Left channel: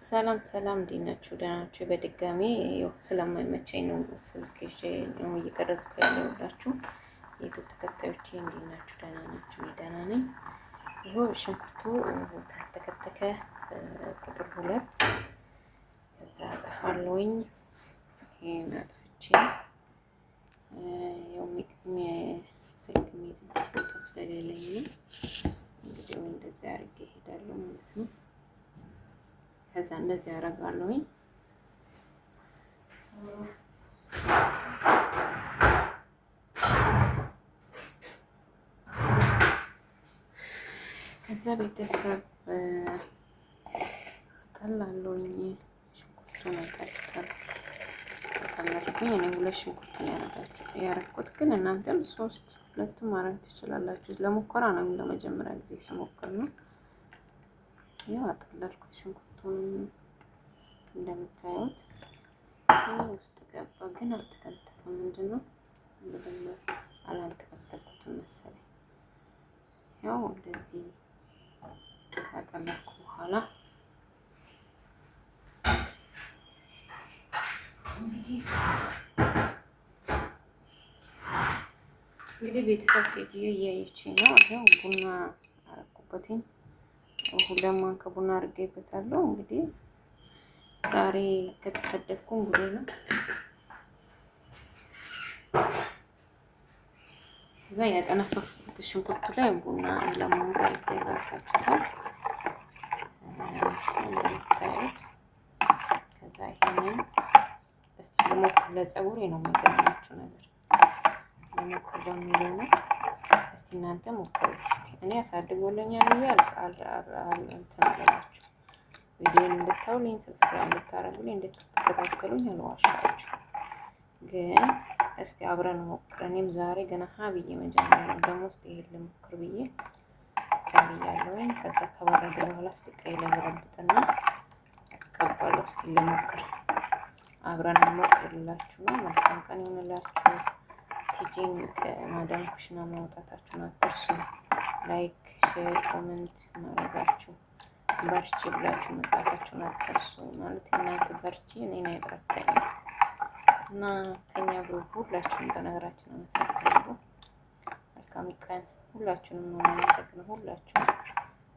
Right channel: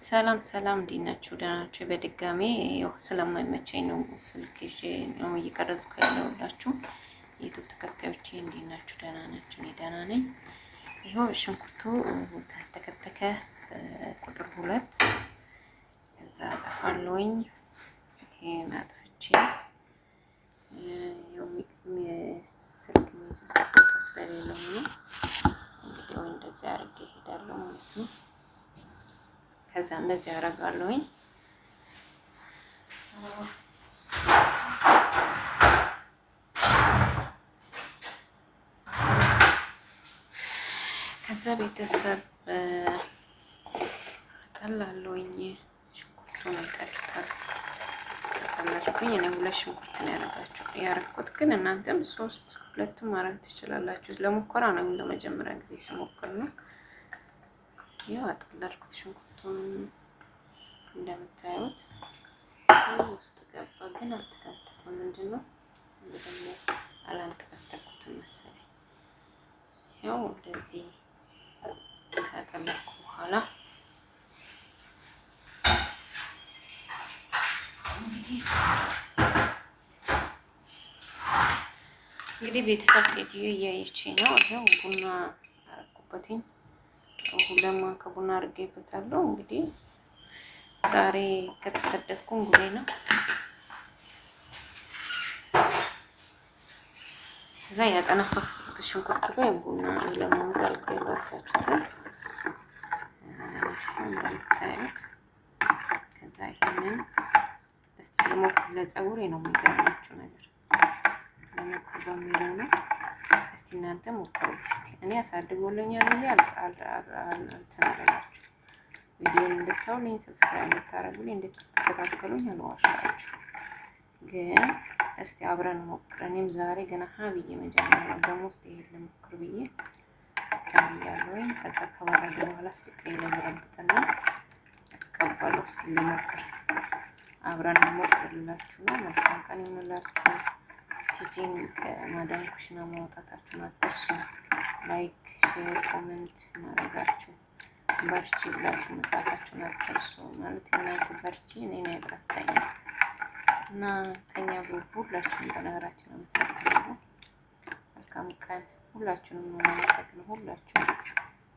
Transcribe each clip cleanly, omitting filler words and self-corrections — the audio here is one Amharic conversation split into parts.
ሰላም ሰላም፣ እንዴት ናችሁ? ደህና ናችሁ? በድጋሚ ያው ስለማይመቸኝ ነው ስልክ ይዤ ነው እየቀረጽኩ ያለሁላችሁ። የዩቲዩብ ተከታዮቼ እንዴት ናችሁ? ደህና ናችሁ? እኔ ደህና ነኝ። ይኸው ሽንኩርቱ ተከተከ ቁጥር 2 ከዛ አጠፋለሁኝ። ይሄን አጥፍቼ ያው ስልክ የሚይዝበት ቦታ ስለሌለኝ ነው እንግዲህ እንደዚህ አድርጌ እሄዳለሁ ማለት ነው። ከዛ እንደዚህ አደርጋለሁኝ። ከዛ ቤተሰብ አጠላለሁኝ። ሽንኩርቱን አይታችሁታል። አጠላለሁኝ። እኔ 2 ሽንኩርት ነው ያደረኩት፣ ግን እናንተም 3 2 ማድረግ ትችላላችሁ። ለሙከራ ነው፣ ለመጀመሪያ ጊዜ ስሞክር ነው። ያው አጠላለኩት። ሽንኩርቱን እንደምታዩት ውስጥ ገባ፣ ግን አልተከተከም። ምንድነው ደግሞ አላልተከተኩትም መሰለኝ። ያው እንደዚህ ካጠለኩ በኋላ እንግዲህ ቤተሰብ ሴትዮ እያየችኝ ነው። ያው ቡና አረኩበትኝ። 2 ማንካ ቡና አድርጌበታለሁ። እንግዲህ ዛሬ ከተሰደድኩ እንግዲህ ነው። እዛ ያጠነፈፍኩት ሽንኩርቱ ላይ ቡና ለምን ገልገላችሁታል እንደምታዩት። ከዛ ይሄንን እስቲ ለሞክር። ለፀጉሬ ነው የሚገርማችሁ ነገር ለሞክር በሚለው ነው። እስቲ እናንተ ሞክሩት። እስቲ እኔ አሳድጎልኛል ብዬ እንትን አላችሁ። ቪዲዮን እንድታዩልኝ ሰብስክራይብ እንድታረጉልኝ እንድትከታተሉኝ አልዋሻችሁ። ግን እስቲ አብረን ሞክር። እኔም ዛሬ ገና ብዬ መጀመሪያ ነው ደግሞ እስቲ ይሄን ልሞክር ብዬ ተብያለሁኝ። ከዛ ከበረደ በኋላ እስቲ ቀይ ለበረብጥና አቀባለሁ። እስቲ ልሞክር፣ አብረን ሞክርላችሁ ነው። መልካም ቀን ይሁንላችሁ። ቲጂን ከማዳም ኩሽና ማውጣታችሁን አትርሱ። ላይክ፣ ሼር፣ ኮሜንት ማድረጋችሁ በርቺ ብላችሁ መጻፋችሁን አትርሱ። ማለት እናንተ በርቺ እኔን አይበረታኝም እና ከኛ ግሩፕ ሁላችሁም በነገራችን አመሰግናለሁ። መልካም ቀን ሁላችሁንም ነው የማመሰግነው። ሁላችሁም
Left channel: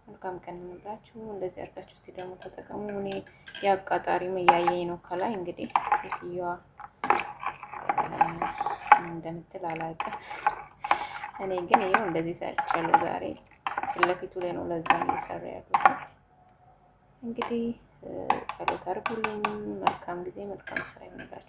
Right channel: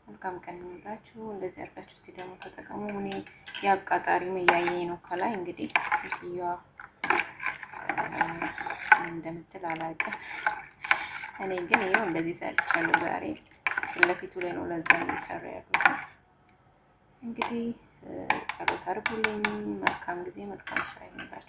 መልካም ቀን ይሁንላችሁ። እንደዚህ አድርጋችሁ እስቲ ደግሞ ተጠቀሙ። እኔ የአቃጣሪም እያየኝ ነው ከላይ እንግዲህ ሴትዮዋ እንደምትል አላውቅም። እኔ ግን ይኸው እንደዚህ ሰርቻለሁ ዛሬ። ፊት ለፊቱ ላይ ነው ለዛ እየሰራ ያሉት። እንግዲህ ጸሎት አድርጉልኝ። መልካም ጊዜ፣ መልካም ስራ ይሁንላችሁ።